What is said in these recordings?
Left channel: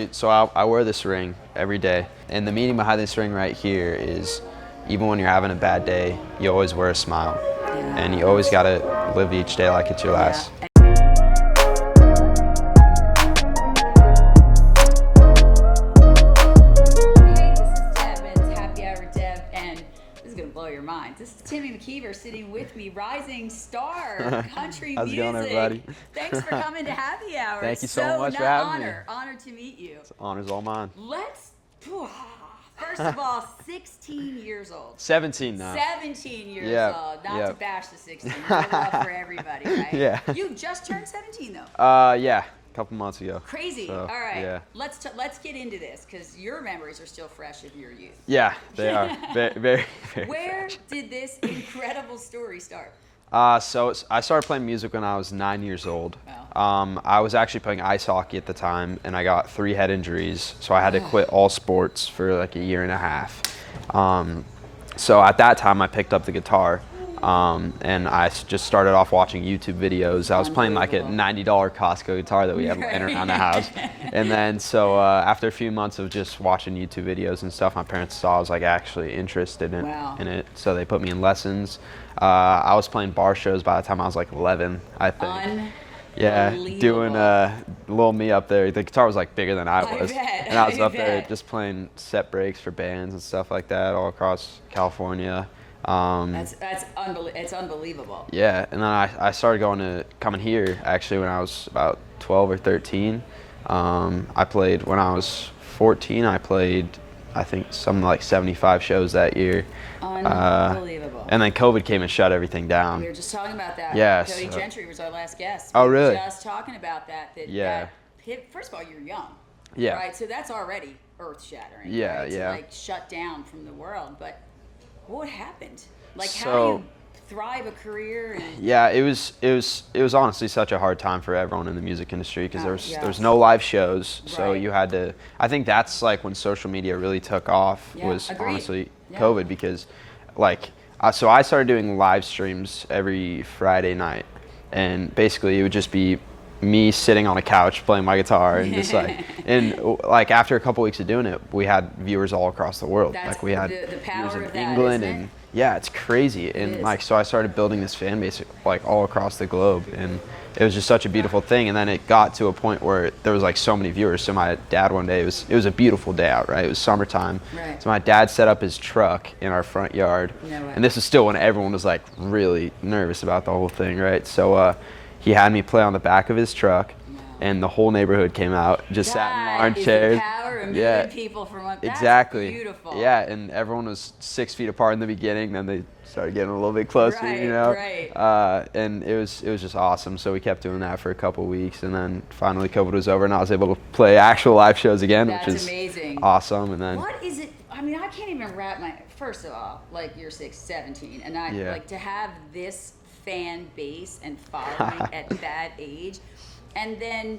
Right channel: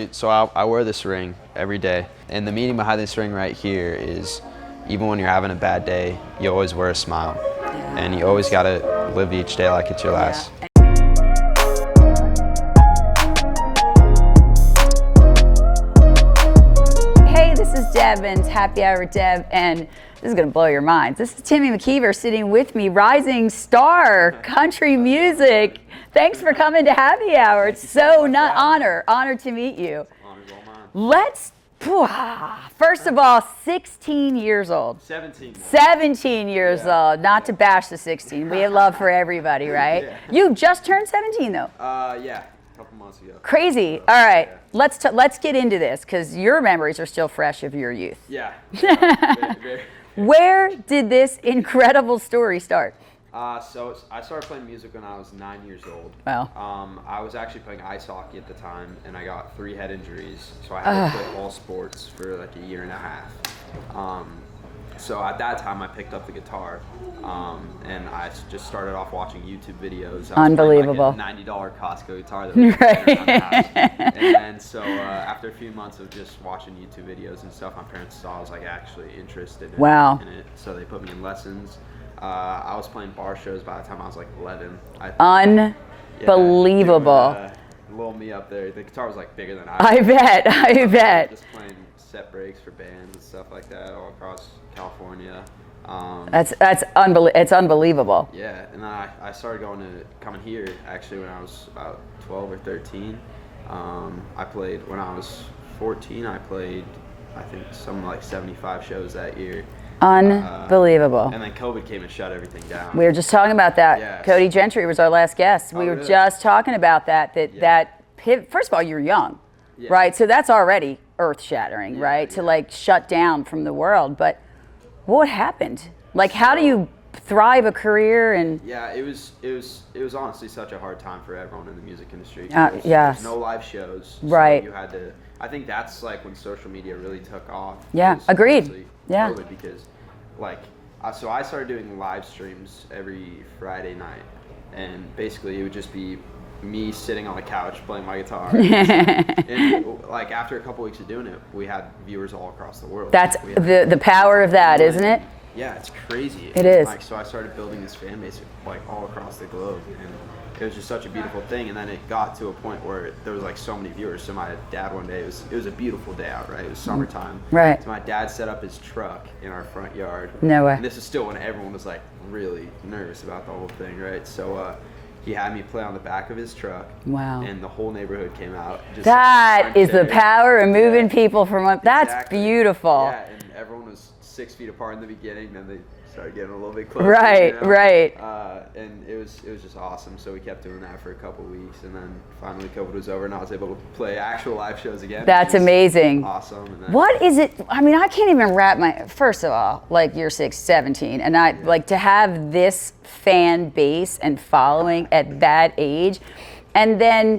honestly, so I wear this ring every day, and the meaning behind this ring right here is, even when you're having a bad day, you always wear a smile, and you always gotta live each day like it's your last. Hey, this is Deb and Happy Hour with Deb, and this is gonna blow your minds. This is Timmy McKeever sitting with me, rising star, country music. Thanks for coming to Happy Hour. Thank It's you so much for having me. Honored to meet you. Honor's all mine. First of all, 16 years old. 17 now. 17 years old. Not to bash the 16. We have love for everybody, right? Yeah. You just turned 17 though. Yeah, a couple months ago. Crazy. All right, let's get into this because your memories are still fresh of your youth. Yeah, they are. very. Where did this incredible story start? So I started playing music when I was 9 years old. Wow. I was actually playing ice hockey at the time, and I got 3 head injuries, so I had to quit all sports for like a year and a half. So at that time, I picked up the guitar, and I just started off watching YouTube videos. I was playing like a $90 Costco guitar that we had laying around the house. And then after a few months of just watching YouTube videos and stuff, my parents saw I was like actually interested in it, so they put me in lessons. I was playing bar shows by the time I was like 11. Unbelievable. Doing, little me up there. The guitar was like bigger than I was. I bet. I bet. Just playing set breaks for bands and stuff like that all across California. It's unbelievable. Yeah, and then I started coming here actually when I was about 12 or 13. I played when I was 14. I played, I think, something like 75 shows that year. Unbelievable. And then COVID came and shut everything down. We were just talking about that. Yeah, Cody Gentry was our last guest. We were just talking about that first of all, you're young, right? So that's already earth-shattering, right? To like shut down from the world. But what happened? Like, how do you thrive a career? And it was honestly such a hard time for everyone in the music industry because there's no live shows, so you had to. I think that's like when social media really took off. Agreed. Honestly, COVID, because so I started doing live streams every Friday night, and basically it would just be me sitting on a couch playing my guitar, and like after a couple weeks of doing it, we had viewers all across the world. That's the power of that, isn't it? Yeah, it's crazy. It is. Like, so I started building this fan base like all across the globe, and it was just such a beautiful thing. And then it got to a point where there was like so many viewers. So my dad one day, it was a beautiful day out, right? It was summertime. Right. So my dad set up his truck in our front yard. No way. And this was still when everyone was like really nervous about the whole thing, right? So he had me play on the back of his truck. Wow. And the whole neighborhood came out. That is the power of moving people from up. That's beautiful. Yeah, and everyone was 6 feet apart in the beginning, then they started getting a little bit closer. Right, you know? right. And it was just awesome. So we kept doing that for a couple of weeks, and then finally COVID was over, and I was able to play actual live shows again. That's amazing. Awesome. And then what is it? I mean, I can't even wrap first of all, like you're 17, and like to have this fan base and following at that age, and then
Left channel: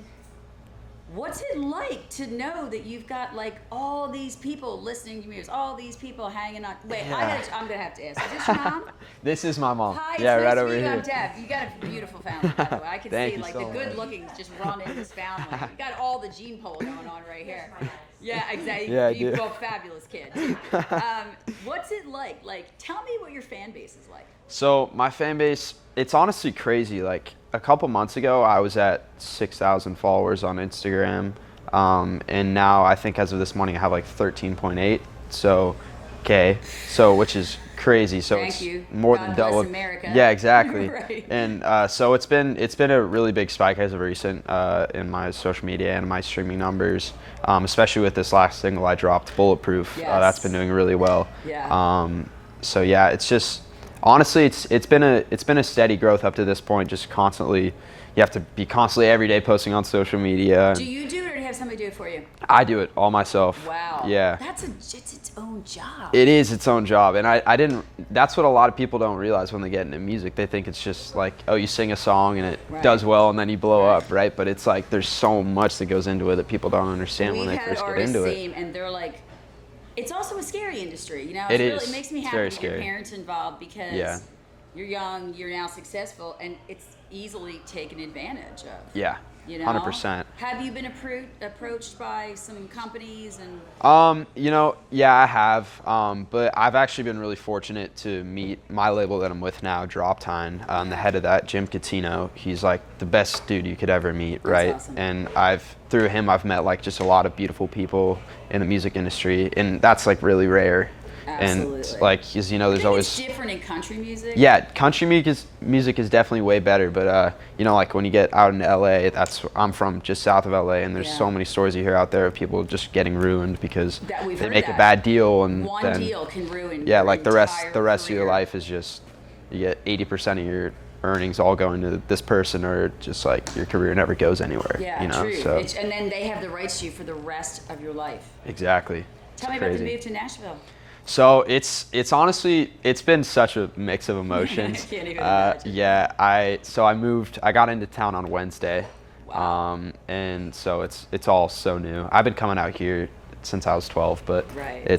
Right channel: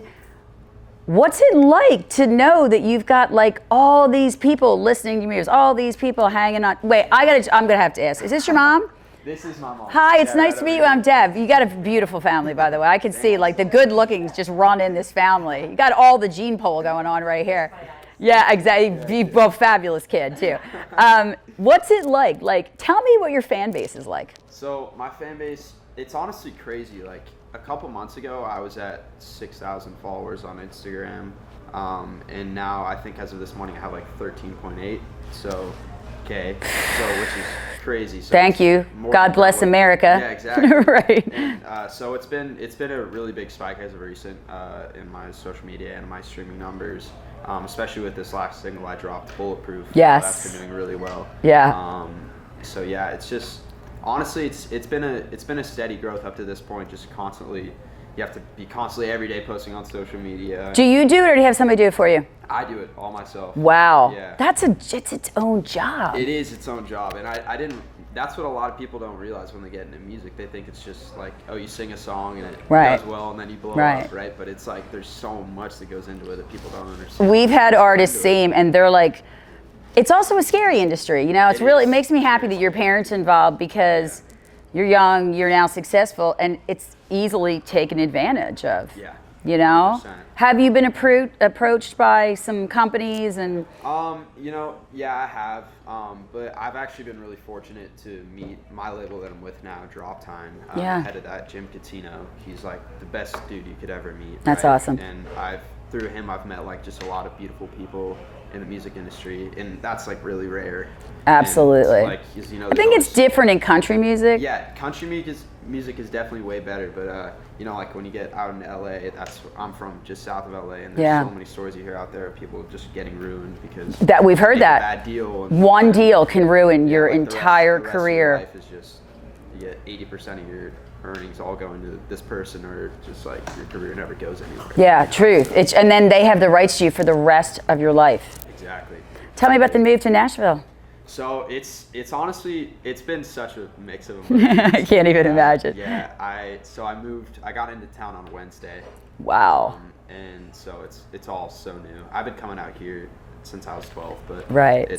what's it like to know that you've got like all these people listening to music, all these people hanging on? Wait, I'm gonna have to ask. Is this your mom? This is my mom. Hi, it's nice to meet you. I'm Deb. You got a beautiful family, by the way. I can see like the good lookings just run in this family. You got all the gene pool going on right here. Yeah, exactly. You both fabulous kid too. What's it like? Like, tell me what your fan base is like. So my fan base, it's honestly crazy. Like a couple months ago, I was at 6,000 followers on Instagram, and now I think as of this morning, I have like 13.8. So, which is crazy. So thank you. God bless America. Yeah, exactly. Right. And so it's been a really big spike as of recent in my social media and my streaming numbers, especially with this last single I dropped, Bulletproof. Yes. That's been doing really well. Yeah. So yeah, it's just honestly it's been a steady growth up to this point. Just constantly. You have to be constantly every day posting on social media. Do you do it, or do you have somebody do it for you? I do it all myself. Wow. Yeah. It's its own job. It is its own job, and I didn't. That's what a lot of people don't realize when they get into music. They think it's just like, oh, you sing a song and it does well, and then you blow up, right? But it's like there's so much that goes into it that people don't understand. We've had artists say, and they're like, it's also a scary industry. You know, it makes me happy that your parents involved because you're young, you're now successful, and it's easily taken advantage of. Yeah, You know, 100%. Have you been approached by some companies and? Yeah, I have. But I've actually been really fortunate to meet my label that I'm with now, Drop Time. The head of that, Jim Catino. He's like the best dude you could ever meet. That's right? awesome. And through him, I've met like just a lot of beautiful people in the music industry, and that's like really rare. Absolutely. And, like, cause, I think it's different in country music. Yeah, country music is definitely way better. But like when you get out into LA, I'm from just south of LA, and there's so many stories you hear out there of people just getting ruined because that we've heard make that a bad deal, and one deal can ruin your like entire the rest career. of your life is just you get 80% of your earnings all going to this person, or just like your career never goes anywhere. Yeah, true. So. And then they have the rights to you for the rest of your life. Exactly. Tell me about the move to Nashville. So it's honestly, it's been such a mix of emotions. I can't even imagine. Yeah, I moved, I got into town on Wednesday. Wow. And so it's all so new. I've been coming out here since I was 12, but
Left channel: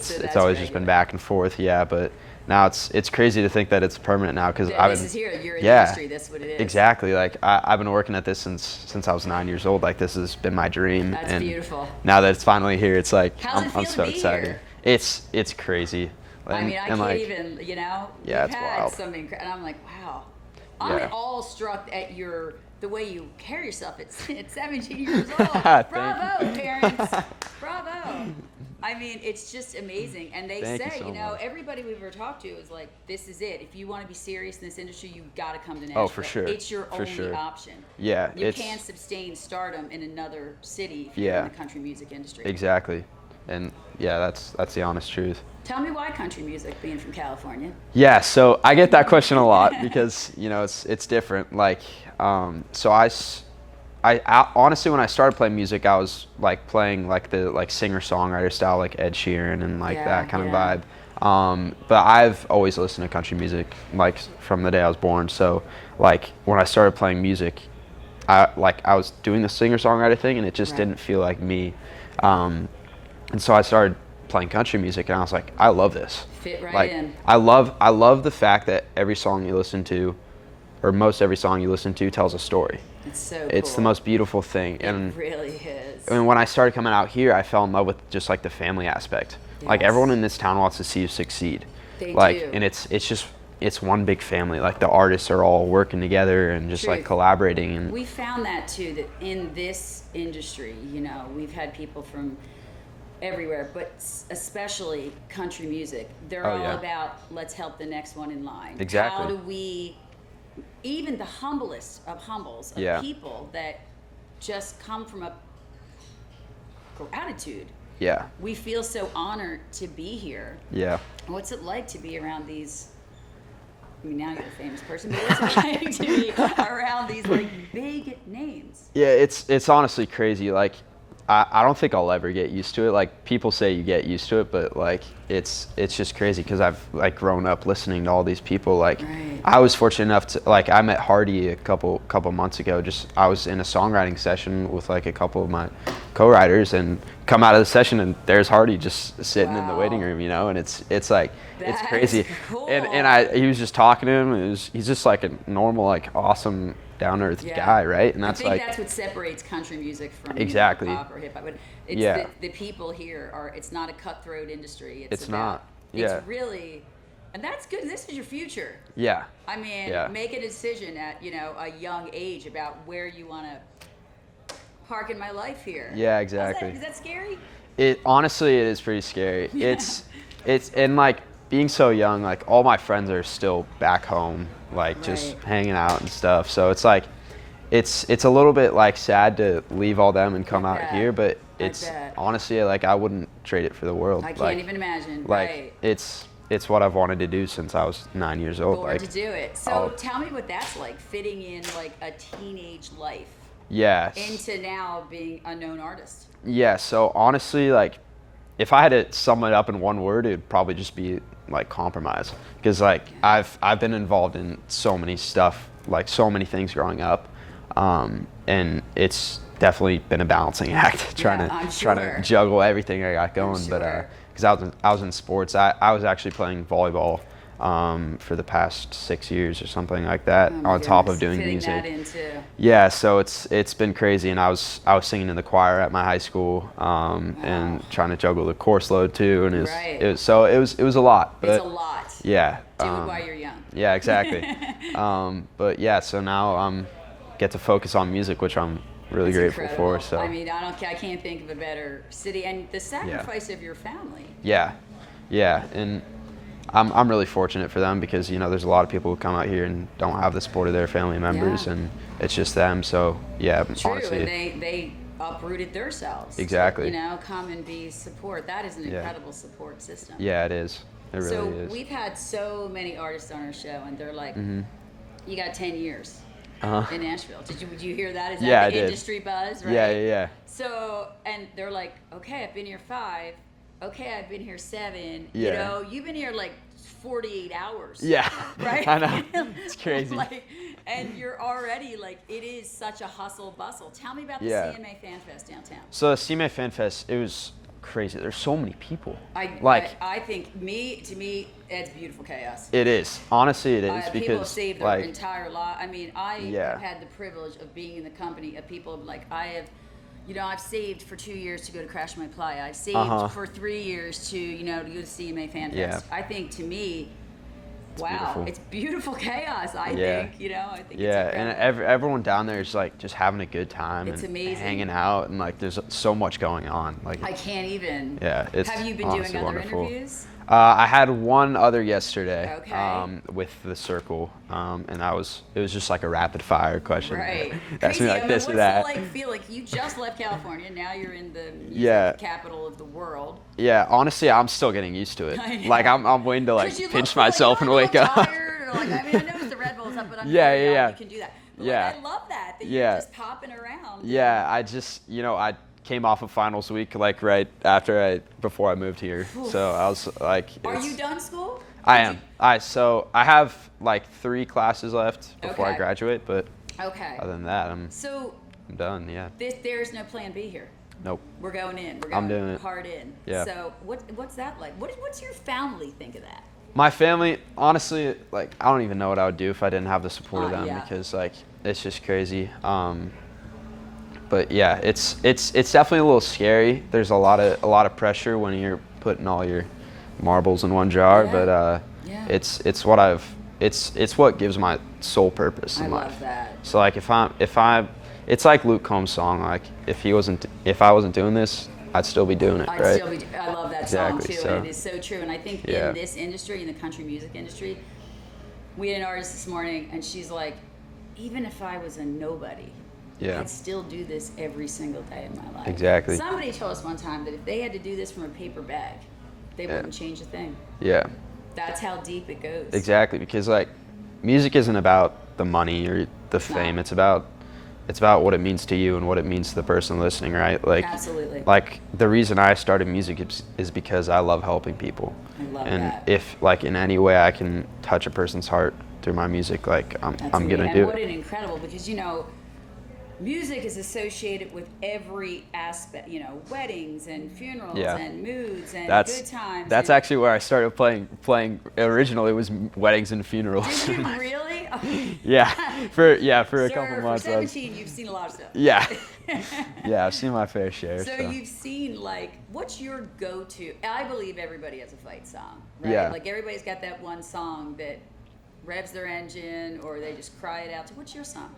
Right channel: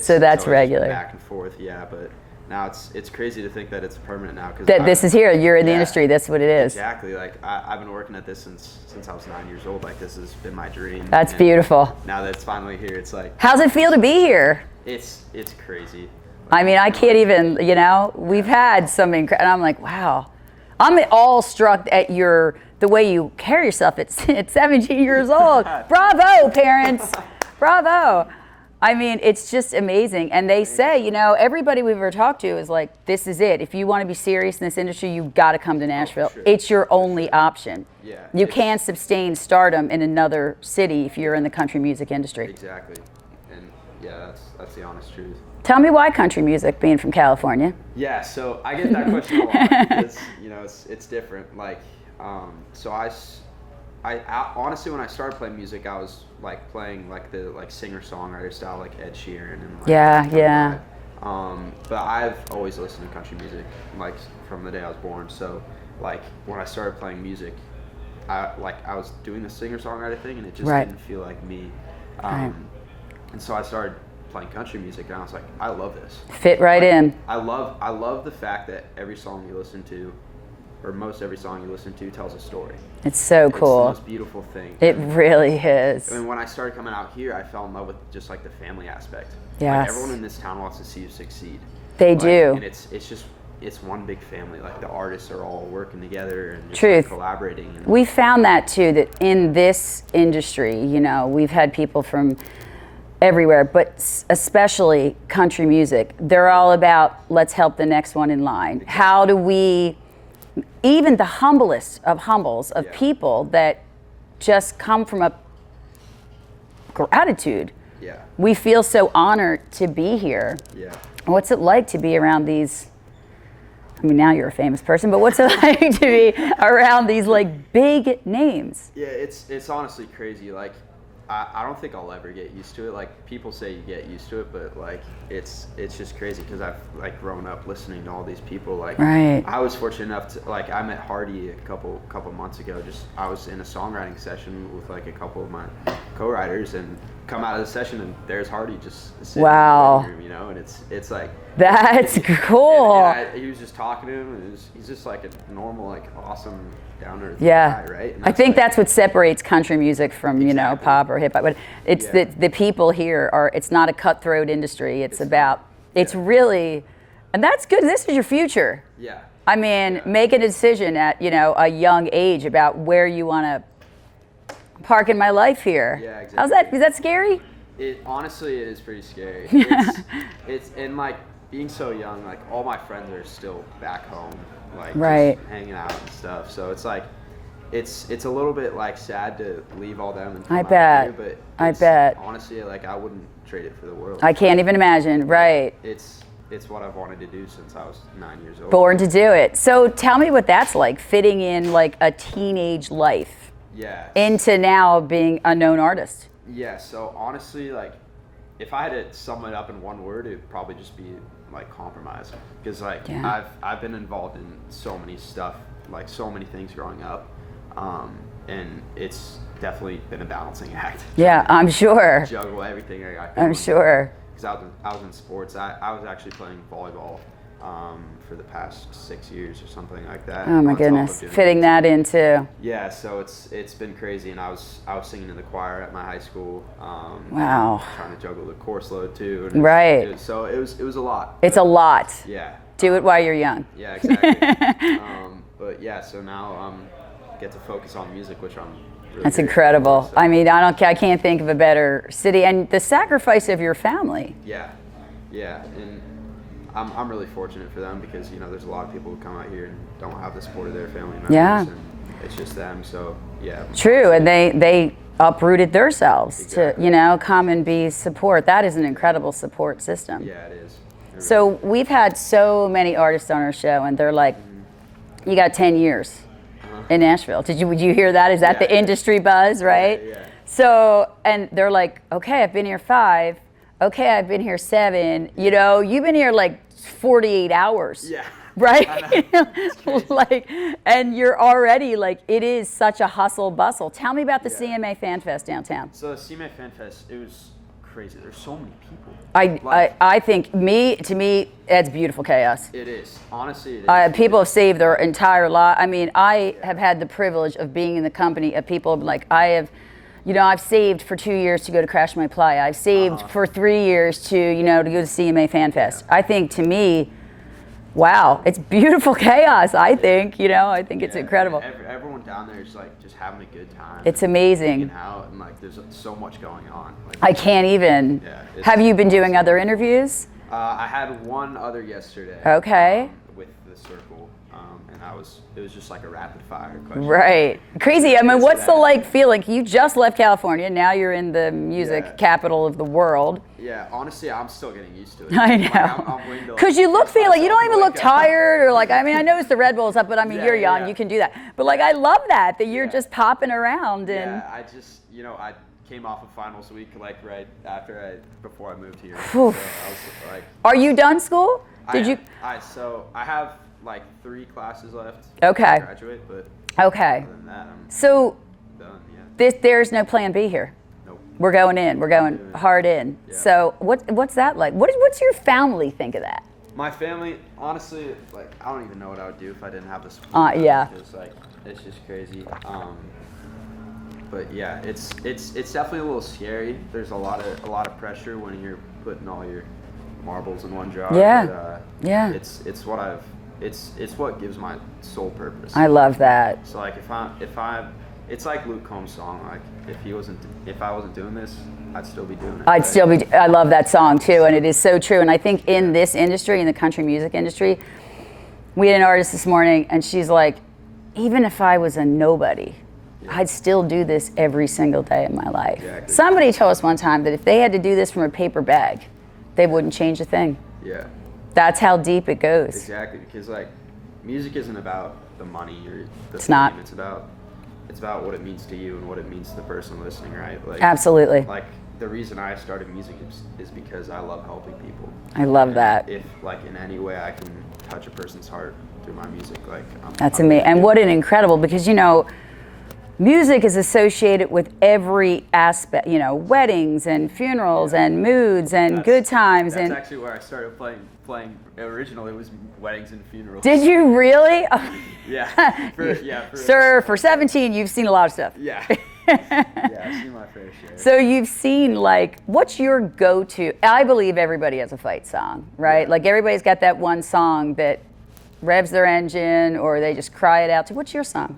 so that's always regular. Been back and forth, yeah, but now it's crazy to think that it's permanent now, because this is here, you're in the industry, that's what it is. Exactly, like I've been working at this since I was 9 years old. Like, this has been my dream. That's beautiful. Now that it's finally here, it's like, how's it feel to be here? It's crazy. I mean, I can't even, we've had some and I'm like, wow. I'm all struck at the way you carry yourself at 17 years old. Bravo, parents. Bravo. I mean, it's just amazing. And they say, everybody we've ever talked to is like, this is it. If you want to be serious in this industry, you've got to come to Nashville. Oh, for sure. It's your only option. Yeah. You can't sustain stardom in another city if you're in the country music industry. Exactly. And yeah, that's the honest truth. Tell me why country music, being from California? Yeah, so I get that question a lot because, it's different. Like, so I honestly, when I started playing music, I was like playing like the singer-songwriter style, like Ed Sheeran and like that kind of vibe. But I've always listened to country music like from the day I was born. So like when I started playing music, I was doing the singer-songwriter thing, and it just didn't feel like me. And so I started playing country music, and I was like, I love this. Fit right in. I love the fact that every song you listen to, or most every song you listen to, tells a story. It's so cool. It's the most beautiful thing. It really is. And when I started coming out here, I fell in love with just like the family aspect. Yes. Like, everyone in this town wants to see you succeed. They do. And it's one big family. Like, the artists are all working together and just like collaborating. And we found that too, that in this industry, we've had people from everywhere, but especially country music. They're all about, let's help the next one in line. Exactly. How do we, even the humblest of humbles of people that just come from a gratitude. Yeah. We feel so honored to be here. Yeah. What's it like to be around these, I mean, now you're a famous person, but what's it like to be around these like big names? Yeah, it's honestly crazy. Like, I don't think I'll ever get used to it. Like, people say you get used to it, but like it's just crazy because I've like grown up listening to all these people. Like, I was fortunate enough to, like, I met Hardy a couple months ago. I was in a songwriting session with like a couple of my co-writers, and come out of the session and there's Hardy just sitting in the waiting room, and it's like, that's it's cool. And he was just talking to him. He's just like a normal, like, awesome, down-to-earth guy, right? And I think that's what separates country music from pop or hip hop. But it's the people here it's not a cutthroat industry. It's about it's really, and that's good. This is your future. Yeah. I mean, make a decision at a young age about where you want to park in my life here. Yeah, exactly. Is that scary? Honestly, it is pretty scary. It's and like, being so young, like, all my friends are still back home, like just hanging out and stuff. So it's like, it's a little bit like sad to leave all them and come out here, but honestly, like, I wouldn't trade it for the world. I can't even imagine. Right. It's what I've wanted to do since I was 9 years old. Born to do it. So tell me what that's like, fitting in like a teenage life. Yes. Into now being a known artist. Yeah. So honestly, like, if I had to sum it up in one word, it'd probably just be like compromise, because like I've been involved in so many stuff, like so many things growing up, and it's definitely been a balancing act. I'm sure. Juggle everything I got going. I'm sure. Because I was in sports. I was actually playing volleyball for the past 6 years or something like that. Oh my on goodness. top of doing fitting music. that in too. Yeah, so it's been crazy, and I was singing in the choir at my high school. Wow. And trying to juggle the course load too, and Right. it was a lot. It's a lot. Yeah. Do it while you're young. Yeah, exactly. But yeah, so now get to focus on music, which I'm really That's grateful incredible. for, so. I mean, I can't think of a better city, and the sacrifice of your family. Yeah, and I'm really fortunate for them because there's a lot of people who come out here and don't have the support of their family members, and it's just them. So yeah, true, honestly, and they uprooted themselves Exactly. to come and be support. That is an incredible support system. Yeah, it is. It really So is. we've had so many artists on our show, and they're like, "You got 10 years in Nashville." Would you hear that? Is that Yeah, I the did. industry buzz, right? Yeah. So, and they're like, "Okay, I've been here 5. Okay, I've been here 7. Yeah. You've been here like 48 hours." Yeah. Right? I know. It's crazy. And you're already it is such a hustle bustle. Tell me about the Yeah. CMA Fan Fest downtown. So CMA Fan Fest, it was crazy. There's so many people. I think to me, it's beautiful chaos. It is. Honestly, it is. People have because, saved their entire life. I mean, I Yeah. have had the privilege of being in the company of people I've saved for 2 years to go to Crash My Playa. I've saved for 3 years to go to CMA Fan Fest. Yeah. I think to me, wow, it's beautiful chaos. I think it's incredible. And everyone down there is just having a good time. It's and amazing. Hanging out, and there's so much going on. I can't even. Yeah. It's Have you been doing honestly other wonderful. interviews? I had one other yesterday. Okay. With the Circle, and it was just like a rapid fire question. Right. That's Crazy. it, I mean, this or what's the that. feeling? You just left California. Now you're in the music Yeah. capital of the world. Yeah, honestly, I'm still getting used to it. I know. I'm waiting to Because you look pinch you myself don't and even look wake up. tired or I mean, I noticed the Red Bull's up, but I mean, Yeah, you're young, yeah. you can do that. But Yeah. I love that you're Yeah. just popping around. Yeah, I just I came off of finals week right before I moved here. Oof. So I was like. Are you done school? I am. So I have 3 classes left before Okay. I graduate, but Okay. other than that, I'm So done. Yeah. there's no plan B here. Nope. We're going in. We're doing going it. hard in. Yeah. So what's that like? What's your family think of that? My family, honestly, I don't even know what I would do if I didn't have the support. of them, Yeah. Because it's just crazy. But yeah, it's definitely a little scary. There's a lot of pressure when you're putting all your marbles in one jar. Yeah. But Yeah. it's what gives my sole purpose. I in love life. that. So it's like Luke Combs' song. If I wasn't doing this, I'd still be doing it. I'd right? still be. I love that song Exactly, too, and so- it is so true. And I think in Yeah. this industry, in the country music industry, we had an artist this morning, and she's like, even if I was a nobody, Yeah. I'd still do this every single day of my life. Exactly. Somebody told us one time that if they had to do this from a paper bag, they wouldn't change a thing. Yeah. That's how deep it goes. Exactly, because music isn't about the money or the not. fame. It's about what it means to you and what it means to the person listening, right? Absolutely. The reason I started music is because I love helping people. I love And that. If in any way I can touch a person's heart through my music, I'm That's I'm amazing. gonna And do what it. an incredible, because music is associated with every aspect, weddings and funerals Yeah. and moods and good times. That's and actually where I started playing. Originally, was weddings and funerals. Did you really? Yeah. For a Sir, couple for months, 17, you've seen a lot of stuff. Yeah. Yeah, I've seen my fair share. So you've seen what's your go-to? I believe everybody has a fight song, right? Yeah. Everybody's got that one song that revs their engine or they just cry it out to. What's your song?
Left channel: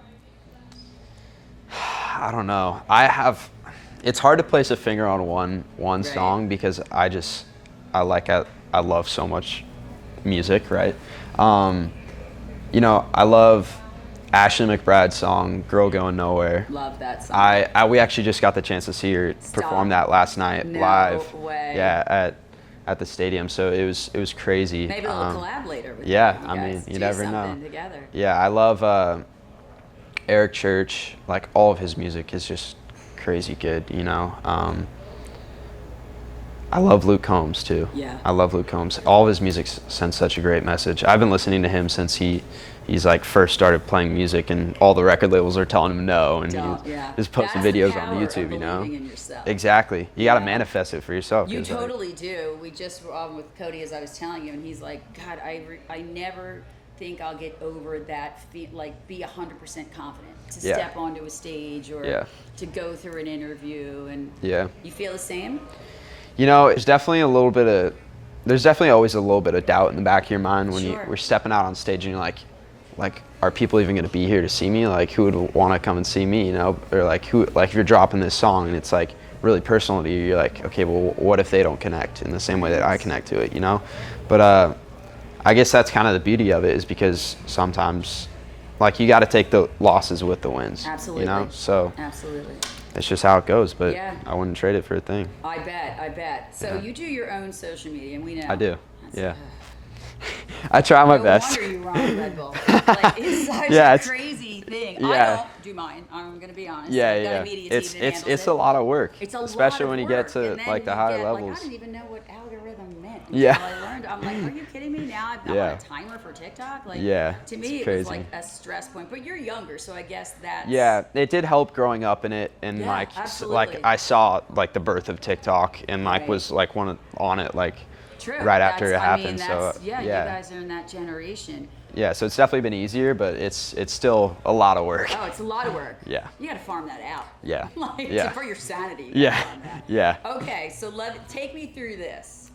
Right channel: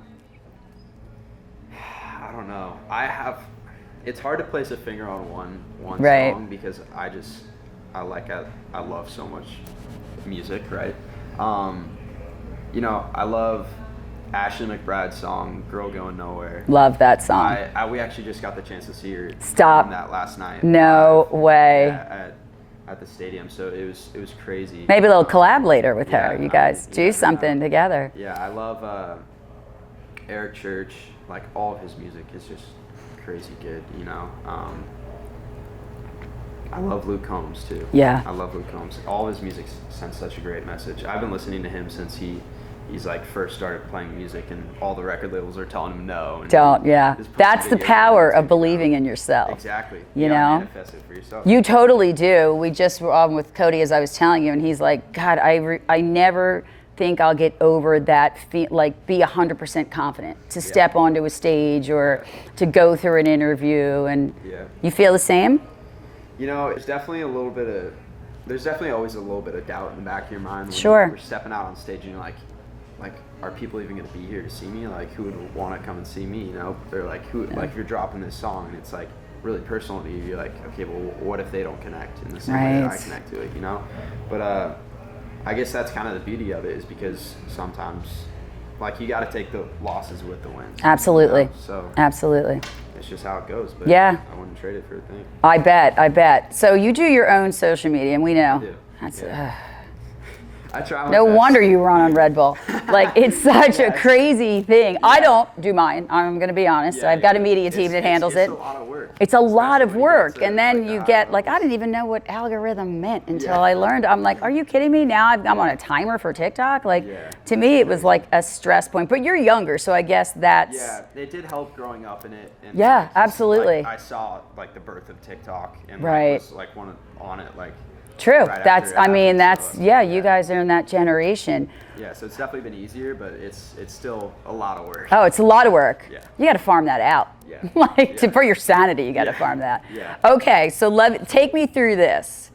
I don't know. It's hard to place a finger on one Right. song because I love so much music, right? I love Ashley McBrade's song "Girl Going Nowhere." Love that song. We actually just got the chance to see her Stop. perform that last night. No live. way. Yeah, at the stadium. So it was crazy. Maybe they'll collab later with yeah, her. You I guys mean, you do never something know. together. Yeah, I love Eric Church. All of his music is just crazy good. I love Luke Combs too. Yeah. I love Luke Combs. All of his music sends such a great message. I've been listening to him since he he's like first started playing music and all the record labels are telling him no. And just posting That's the videos on power YouTube, of believing in yourself. Exactly. You gotta manifest it for yourself. You totally do. We just were on with Cody, as I was telling you, and he's like, God, I never think I'll get over that, be 100% confident to step onto a stage or to go through an interview. And you feel the same? You know, there's definitely always a little bit of doubt in the back of your mind when you're stepping out on stage and you're like, are people even going to be here to see me? Like, who would want to come and see me, you know? Or like, if you're dropping this song and it's like really personal to you, you're like, okay, well, what if they don't connect in the same way that I connect to it, you know? But I guess that's kind of the beauty of it, is because sometimes, like, you got to take the losses with the wins. Absolutely. You know? So absolutely. It's just how it goes, but I wouldn't trade it for a thing. I bet. So you do your own social media, and we know. I do. I try my best. No wonder you run on Red Bull. Like, it's such a crazy thing. I don't do mine. I'm going to be honest. I've got a media team that handles it. It's a lot of work. It's a lot of work. And then you get, like, I didn't even know what algorithm meant until I learned. I'm like, are you kidding me? Now I'm on a timer for TikTok? Like, to me, it was like a stress point. But you're younger, so I guess that's... Yeah, it did help growing up in it. And absolutely. Like, I saw, like, the birth of TikTok and, like, was, like, on it, like... True. Right after it happened, you guys are in that generation. Yeah, so it's definitely been easier, but it's still a lot of work. Oh, it's a lot of work. Yeah. You got to farm that out. Yeah. For your sanity, you got to farm that. Yeah. Okay, so take me through this.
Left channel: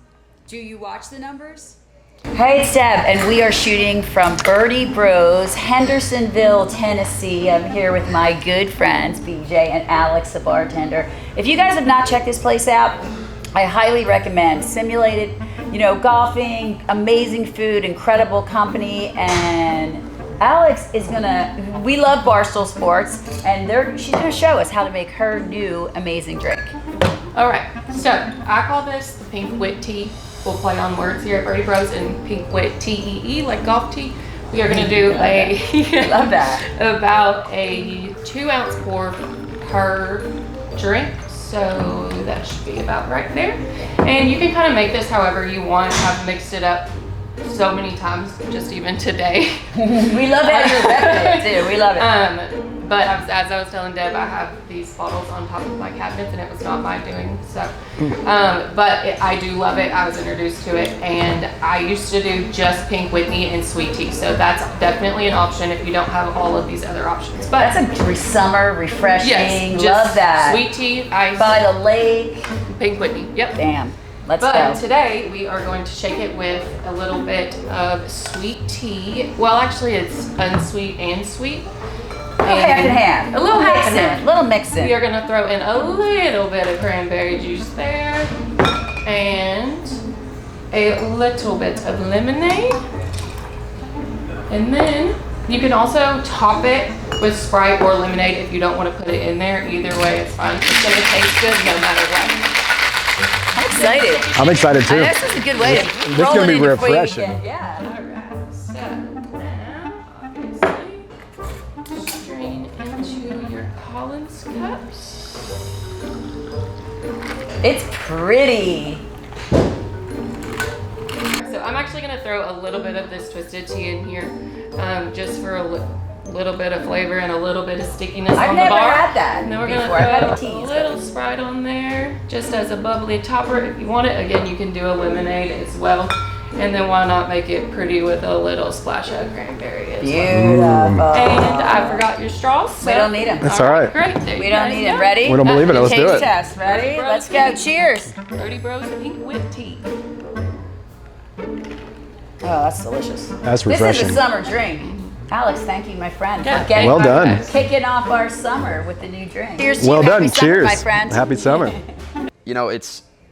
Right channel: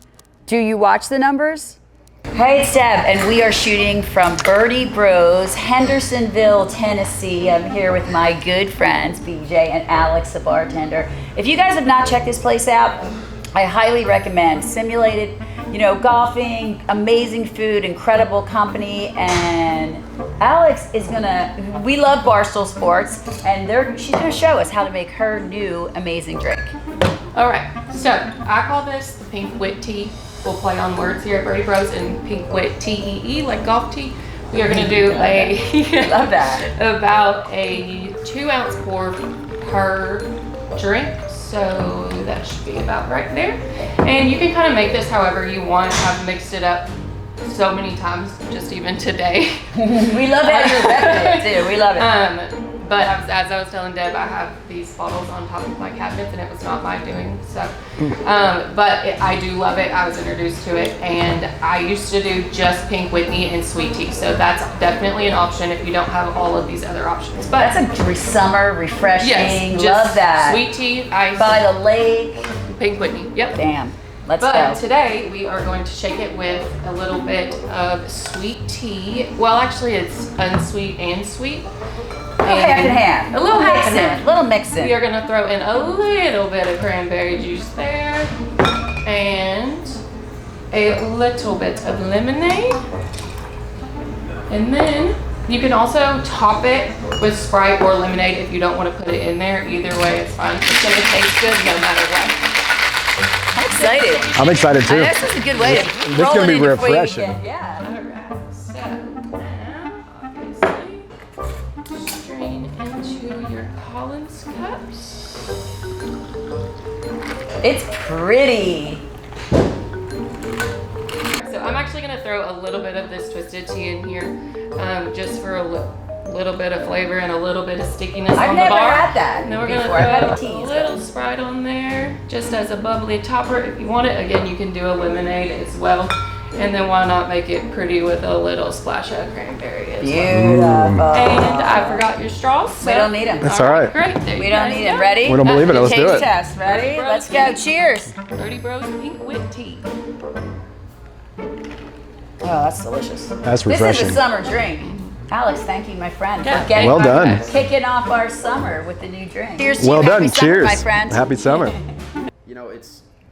Do you watch the numbers? Hey, it's Deb, and we are shooting from Birdie Bros, Hendersonville, Tennessee. I'm here with my good friends, BJ and Alex, the bartender. If you guys have not checked this place out, I highly recommend. Simulated, golfing, amazing food, incredible company, and Alex is we love Barstool Sports, and she's gonna show us how to make her new amazing drink. All right, so I call this the Pink Wit Tea. We'll play on words here at Birdie Bros, and Pink Wit Tee, like golf tea. We are gonna do love that. About a 2-ounce pour per drink. So that should be about right there. And you can kind of make this however you want. I've mixed it up so many times, just even today. We love how you're repping it too. We love it. But as I was telling Deb, I have these bottles on top of my cabinets, and it was not my doing. So, I do love it. I was introduced to it, and I used to do just Pink Whitney and sweet tea. So that's definitely an option if you don't have all of these other options. But that's a summer refreshing. Yes, love that. Sweet tea, ice by the lake. Pink Whitney. Yep. Damn. Let's go. But today we are going to shake it with a little bit of sweet tea. Well, actually, it's unsweet and sweet. Half and half. A little half and half. Little mixing. We are going to throw in a little bit of cranberry juice there. And a little bit of lemonade. And then you can also top it with Sprite or lemonade if you don't want to put it in there. Either way, it's fine. It's going to taste good no matter what. I'm excited. I'm excited too. This is a good way to This is going to be refreshing. All right. So now, obviously, strain into your Collins cups. It's pretty. So I'm actually going to throw a little bit of this twisted tea in here, just for a little bit of flavor and a little bit of stickiness on the bar. I've never had that. And then we're going to throw a little Sprite on there, just as a bubbly topper. If you want it, again, you can do a lemonade as well. And then why not make it pretty with a little splash of cranberry as well. Beautiful. And I forgot your straws. So we don't need them. That's all right. Great. We don't need them. Ready? We don't believe it. Let's do Taste it. test. Ready? Let's go. Cheers. Birdie Bros Pink Wit Tea. Oh, that's delicious. That's refreshing. This is a summer drink. Alex, thank you, my friend, Yeah. for getting Well done. kicking off our summer with the new drink. Cheers to Well you. done. Happy summer, Cheers. my friend. Happy summer.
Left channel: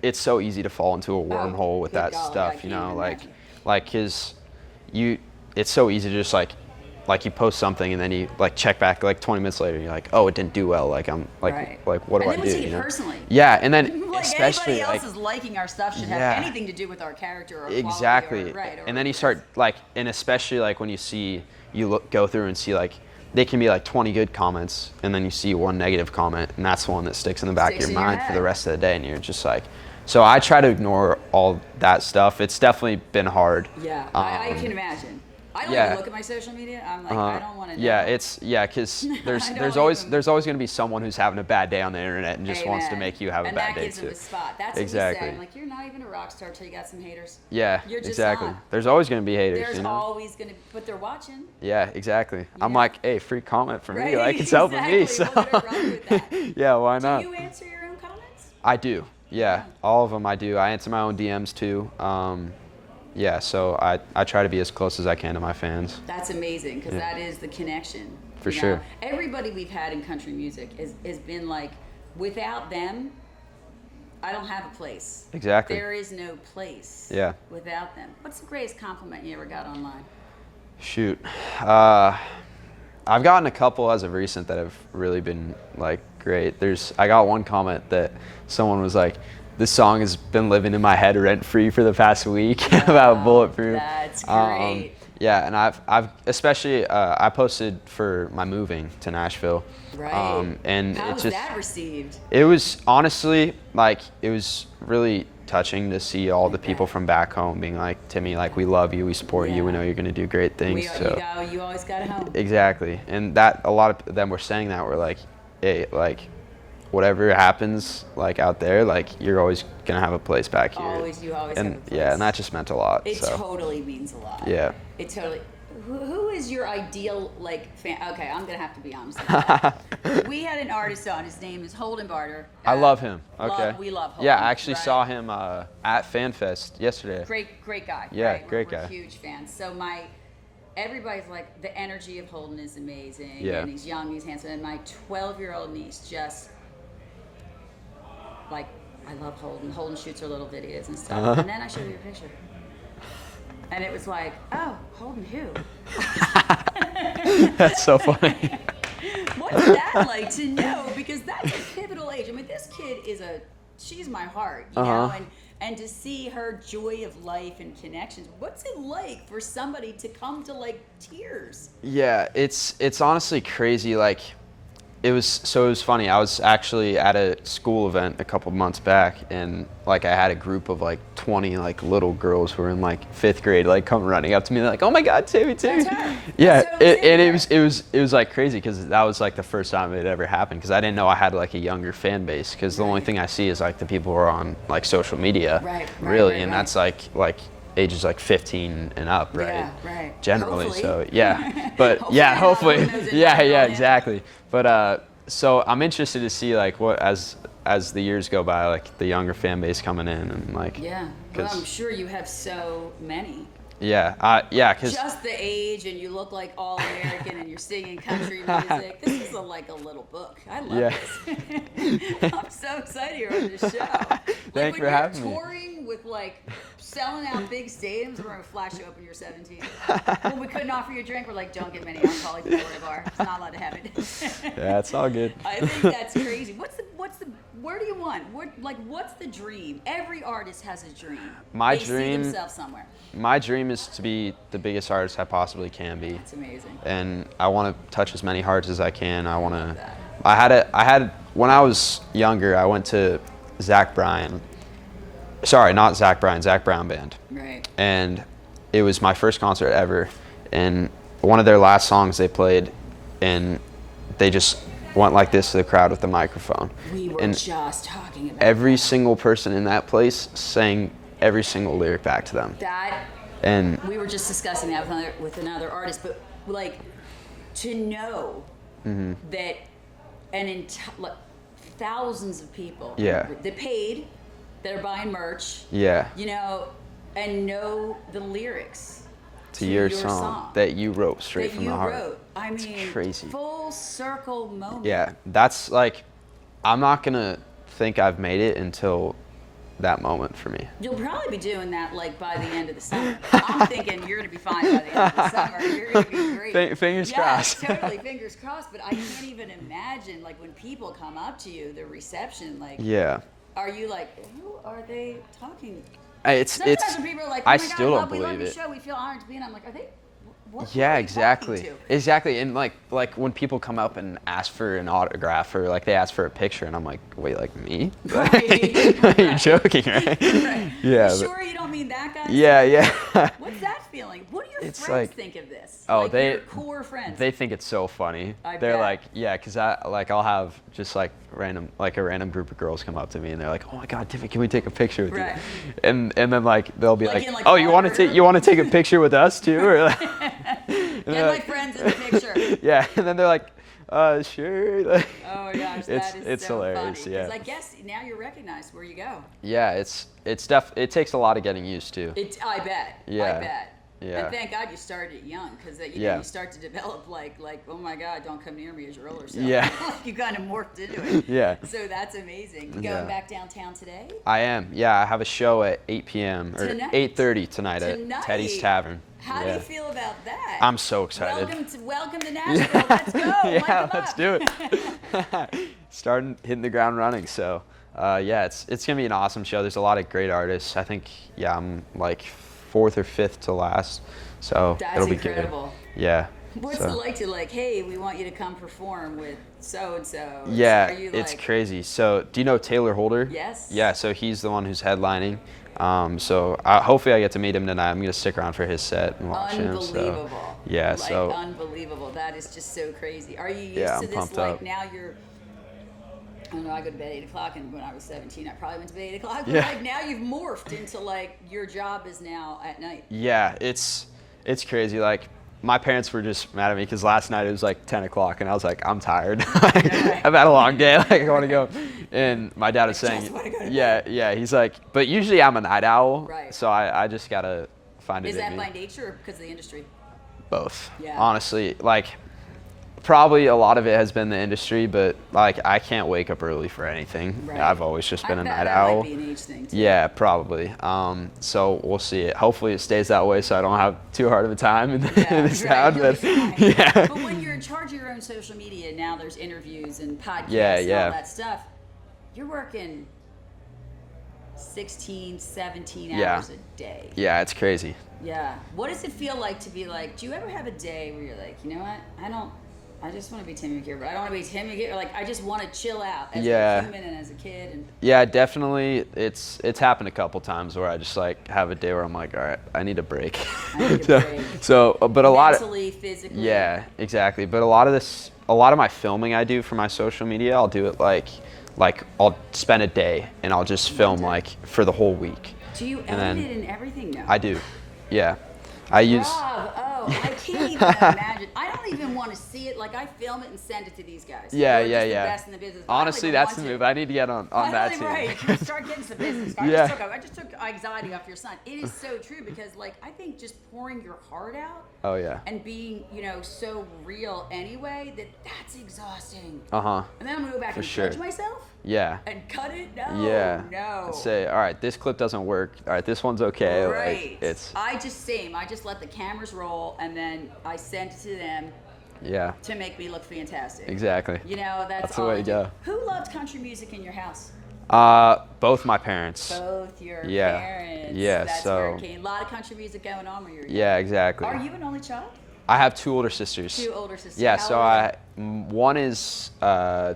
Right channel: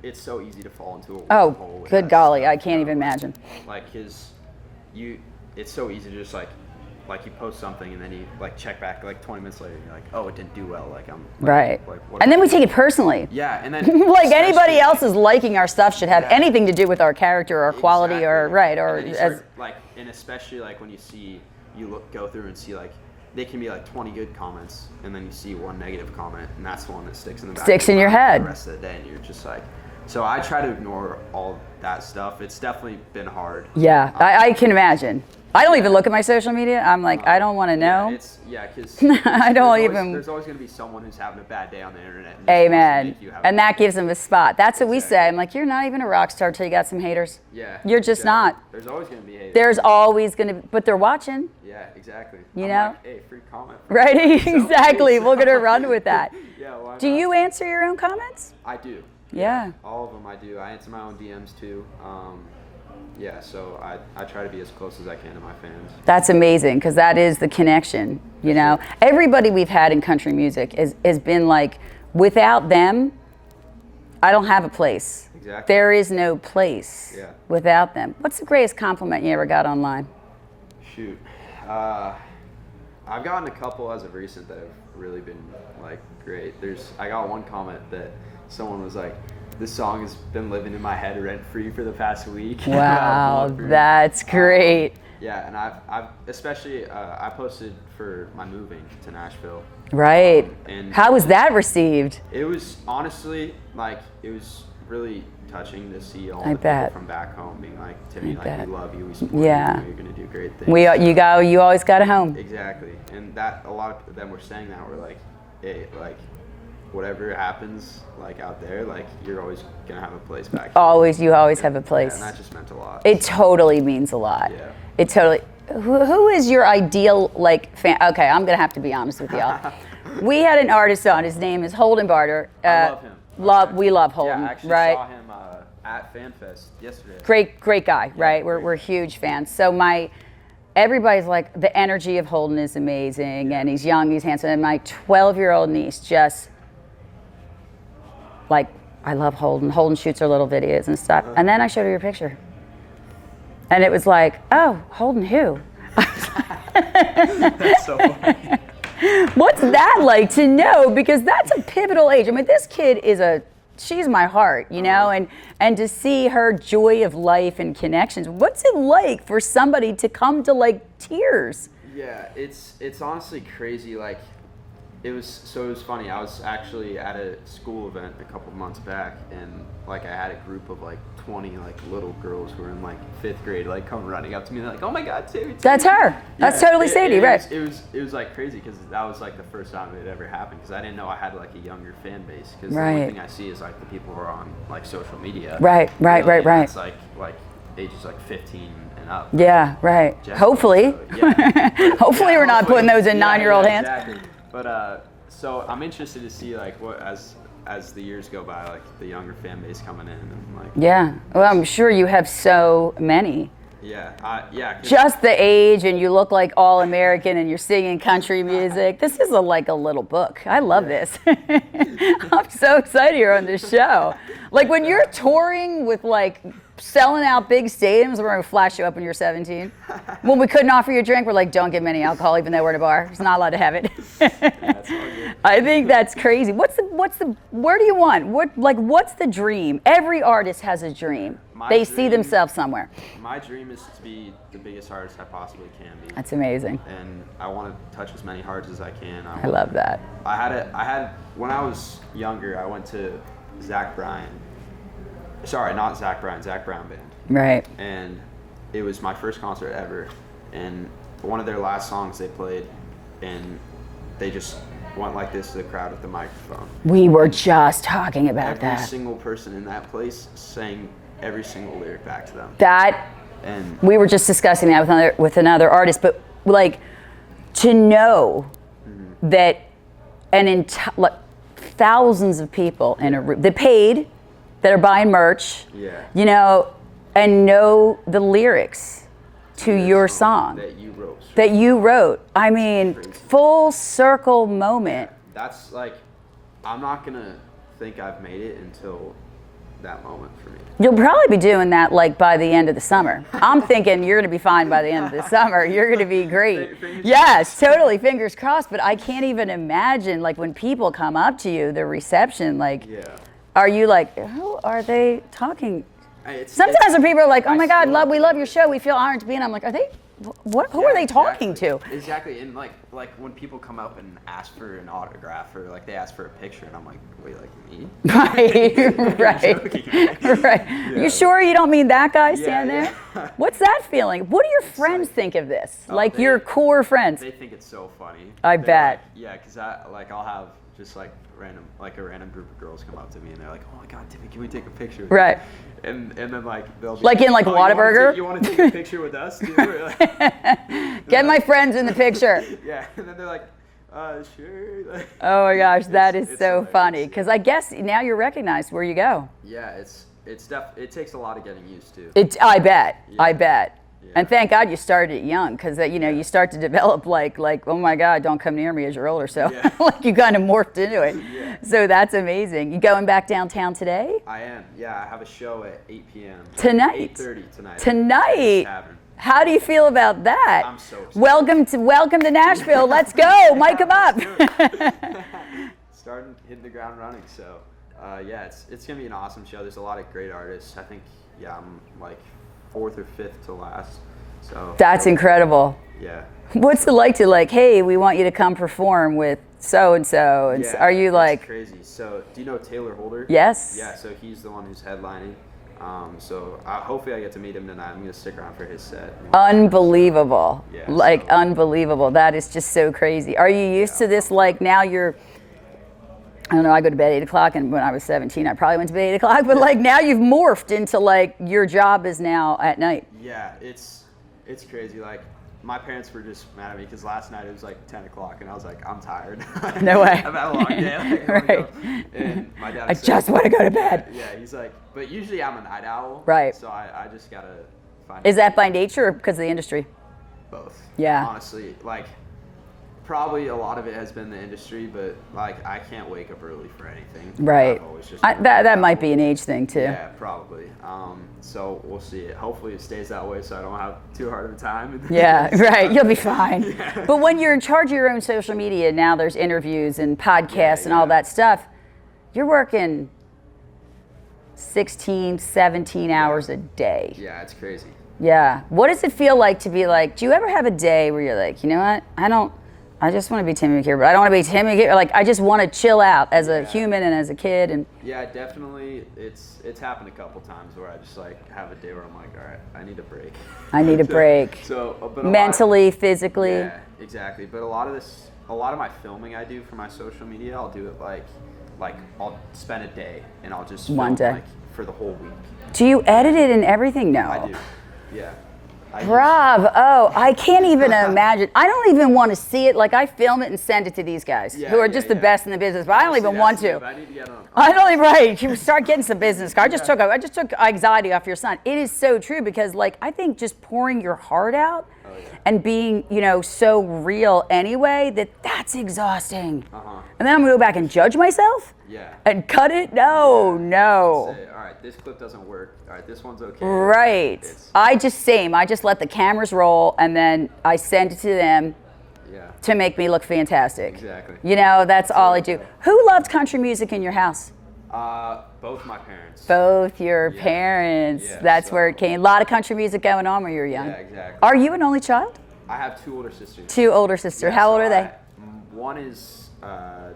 It's so easy to fall into a wormhole with good that golly, stuff, I can't even imagine. It's so easy to just like you post something and then you like check back like 20 minutes later and you're like, oh, it didn't do well. Like I'm like, right. Like what? And then we take it personally. Yeah, and then like anybody else's liking our stuff should have anything to do with our character or quality or or and then you start and especially like when you go through and see like they can be like 20 good comments and then you see one negative comment and that's the one that sticks in the back of your mind for the rest of the day and you're just like. So I try to ignore all that stuff. It's definitely been hard. Yeah, I can imagine. I don't Yeah. even look at my social media. I'm like, I don't want to know. Because I don't there's always going to be someone who's having a bad day on the internet and just wants to make you have a bad And that day gives them too. a spot. That's what we say. Exactly. I'm like, you're not even a rock star till you got some haters. Yeah. You're just exactly. not. There's always going to be haters. There's you know? always going to be, but they're watching. Yeah, exactly. I'm know? like, hey, free comment from Right? me. Like, it's helping me, Exactly. so- We're going to run with that. Yeah, why not? Do you answer your own comments? I do. Yeah. Yeah. All of them I do. I answer my own DMs too. Yeah, so I try to be as close as I can to my fans. That's amazing because that is the connection. For You know, sure. everybody we've had in country music has been like, without them, I don't have a place. Exactly. There is no place Yeah. without them. What's the greatest compliment you ever got online? Shoot. I've gotten a couple as of recent that have really been like great. I got one comment that someone was like, "This song has been living in my head rent free for the past week." About Bulletproof. That's great. Yeah, and I've especially I posted for my moving to Nashville. Right. And How it was just- that received? It was honestly like it was really touching to see all I the people bet. from back home being like, "Timmy, like bet. we love you, we support Yeah. you, we know you're gonna do great things." You always got a home. Exactly, and that a lot of them were saying that were like, "Hey, like, whatever happens like out there, like you're always gonna have a place back here." You always And- have a place. Yeah, and that just meant a lot. It so. totally means a lot. Yeah. It totally. Who is your ideal like fan? Okay, I'm gonna have to be honest with y'all. We had an artist on. His name is Holden Barter. I love him. Okay. We love Holden. Yeah, I actually right? saw him at FanFest yesterday. Great guy, Yeah, right? great We're guy. huge fans. So everybody's like, the energy of Holden is amazing, Yeah. and he's young, he's handsome, and my 12-year-old niece just like, I love Holden. Holden shoots her little videos and stuff. And then I showed her your picture. And it was like, oh, Holden who? That's so funny. What's that like to know? Because that's a pivotal age. I mean, this kid she's my heart, you know, and to see her joy of life and connections. What's it like for somebody to come to like tears? Yeah, it's honestly crazy. Like, it was funny. I was actually at a school event a couple months back, and like I had a group of like 20 like little girls who were in like 5th grade like come running up to me like, "Oh my God, Timmy!" That's her. Yeah, That's totally Sadie, right? it was like crazy because that was like the first time it had ever happened, because I didn't know I had like a younger fan base, because the only Right. thing I see is like the people who are on like social media. Right. And that's like ages like 15 and up. Right? Yeah, right. Generally, Hopefully. so, yeah. But, Hopefully yeah, we're not putting those in 9-year-old hands. Exactly. But so I'm interested to see like what as the years go by, like the younger fan base coming in and like. Yeah. Well, I'm 'cause- sure you have so many. Yeah. Yeah. 'Cause Just the age, and you look like all American, and you're singing country music. This is like a little book. I love Yeah. this. I'm so excited you're on this show. Like Thanks when for you're having me. touring with like selling out big stadiums, we're gonna flash you up when you're 17. When we couldn't offer you a drink, we're like, don't give me any alcohol, even though we're at a bar. It's not allowed to have it. Yeah, it's all good. I think that's crazy. Where do you want? What's the dream? Every artist has a dream. My They see dream- themselves somewhere. My dream is to be the biggest artist I possibly can be. That's amazing. And I want to touch as many hearts as I can. I love that. I had when I was younger, I went to Zach Bryan. Sorry, not Zach Bryan, Zach Brown Band. Right. And it was my first concert ever. And one of their last songs they played, and they just went like this to the crowd with the microphone. We were And just talking about every that. single person in that place sang every single lyric back to them. And we were just discussing that with another artist, but like to know Mm-hmm. that like thousands of people in a Yeah. room, they paid, that are buying merch, Yeah. you know, and know the lyrics to your song that you wrote straight that from you the heart. wrote. I mean, crazy. full circle moment. Yeah, that's like, I'm not gonna think I've made it until that moment for me. You'll probably be doing that like by the end of the summer. I'm thinking you're going to be fine by the end of the summer. You're going to be great. Fingers yes, crossed. totally, fingers crossed. But I can't even imagine like when people come up to you, the reception. Like, Yeah. are you like, who are they talking? It's Sometimes when people are like, "Oh I my God, still don't we love believe your it. show. We feel honored to be in." I'm like, are they who are they talking to? Exactly, and like when people come up and ask for an autograph or like they ask for a picture, and I'm like, wait, like me? Right. You're joking, right? Right. Yeah, you sure you don't mean that guy? Yeah. What's that feeling? What do your friends like- think of this? Oh, like your core friends? They think it's so funny. I They're bet. Like, yeah, because I'll have just like a random group of girls come up to me and they're like, oh my God, Timmy, can we take a picture with Right. you? And then like they'll be Like in, like, oh, Whataburger? you want to take a picture with us too? Or like, Get my friends in the picture. yeah, and then they're like, sure. Like, Oh my gosh, that is it's so hilarious, funny. Because yeah. I guess now you're recognized where you go. Yeah, it takes a lot of getting used to. I bet. I Yeah. bet. Yeah. And thank God you started young, because Yeah. you start to develop like oh my God, don't come near me as you're older. So Yeah. like you kind of morphed into it. Yeah. So that's amazing. You going back downtown today? I am. Yeah, I have a show at 8 p.m. or Tonight? 8:30 tonight. Tonight? At Teddy's Tavern. How do you feel about that? I'm so excited. Welcome to Nashville. Let's go. Mic 'em up. Let's do it. Starting hitting the ground running. So yeah, it's gonna be an awesome show. There's a lot of great artists. I think I'm like 4th or 5th to last. So That's it'll be incredible. good. Yeah. What's So- it like to hey, we want you to come perform with so and so? Yeah. Are you like? It's crazy. So do you know Taylor Holder? Yes. Yeah. So he's the one who's headlining. So hopefully I get to meet him tonight. I'm gonna stick around for his set. And watch him, so- Unbelievable. Yeah, Like so- unbelievable. That is just so crazy. Are you used Yeah, to I'm this? pumped Like up. now you're. I don't know. I go to bed 8 o'clock, and when I was 17, I probably went to bed 8 o'clock. But like now you've morphed into like your job is now at night. Yeah, it's crazy. Like my parents were just mad at me because last night it was like 10 o'clock and I was like, I'm tired. No way. I've had a long day. Like I want to go. And my dad I was saying, just wanna go to bed. Yeah. He's like, but usually I'm a night owl. Right. So I just gotta find. Is that by nature or because of the industry? Both. Yeah. Honestly, like probably a lot of it has been the industry, but like I can't wake up early for anything. Right. I've always just been a that night might owl. be an age thing too. Yeah, probably. So we'll see it. Hopefully it stays that way so I don't have too hard of a time. Yeah, right. You'll be But- fine. Yeah. But when you're in charge of your own social media, now there's interviews and podcasts Yeah, and all yeah. that stuff. You're working 16, 17 hours a day. Yeah, it's crazy. Yeah. What does it feel like to be like, do you ever have a day where you're like, you know what? I just want to be Timmy McKeever, but I don't want to be Timmy McKeever. Like, I just want to chill out as a Yeah. human and as a kid. And Yeah, definitely. It's happened a couple times where I just like have a day where I'm like, all right, I need a break. I need a break. So, but a lot. mentally, physically. Yeah, exactly. But a lot of my filming I do for my social media, I'll do it like I'll spend a day and I'll just One film day. like for the whole week. Do you edit then- it and everything? No. I do. Yeah. I use. Rob, I can't even imagine. I don't even want to see it. Like, I film it and send it to these guys Yeah, who are yeah, just the yeah. best in the business. But Honestly, I don't even that's want the to. move. I need to get on. I don't even, that too. right. You start getting some business. I just took anxiety off your son. It is so true because, like, I think just pouring your heart out Oh, yeah. and being, so real anyway, that's exhausting. Uh-huh. And then I'm going to go back and judge myself Yeah. and cut it? No, Yeah. no. Say, all right, this clip doesn't work. All right, this one's okay. Like, Right. it's I just let the cameras roll and then I send it to them yeah. to make me look fantastic. Exactly. That's the all way I to do. go. Who loved country music in your house? Both my parents. Both your Yeah. parents. Yeah, That's where it so- came. A lot of country music going on when you were young. Yeah, exactly. Are you an only child? I have 2 older sisters. 2 older sisters. Yeah, How so old are they? one is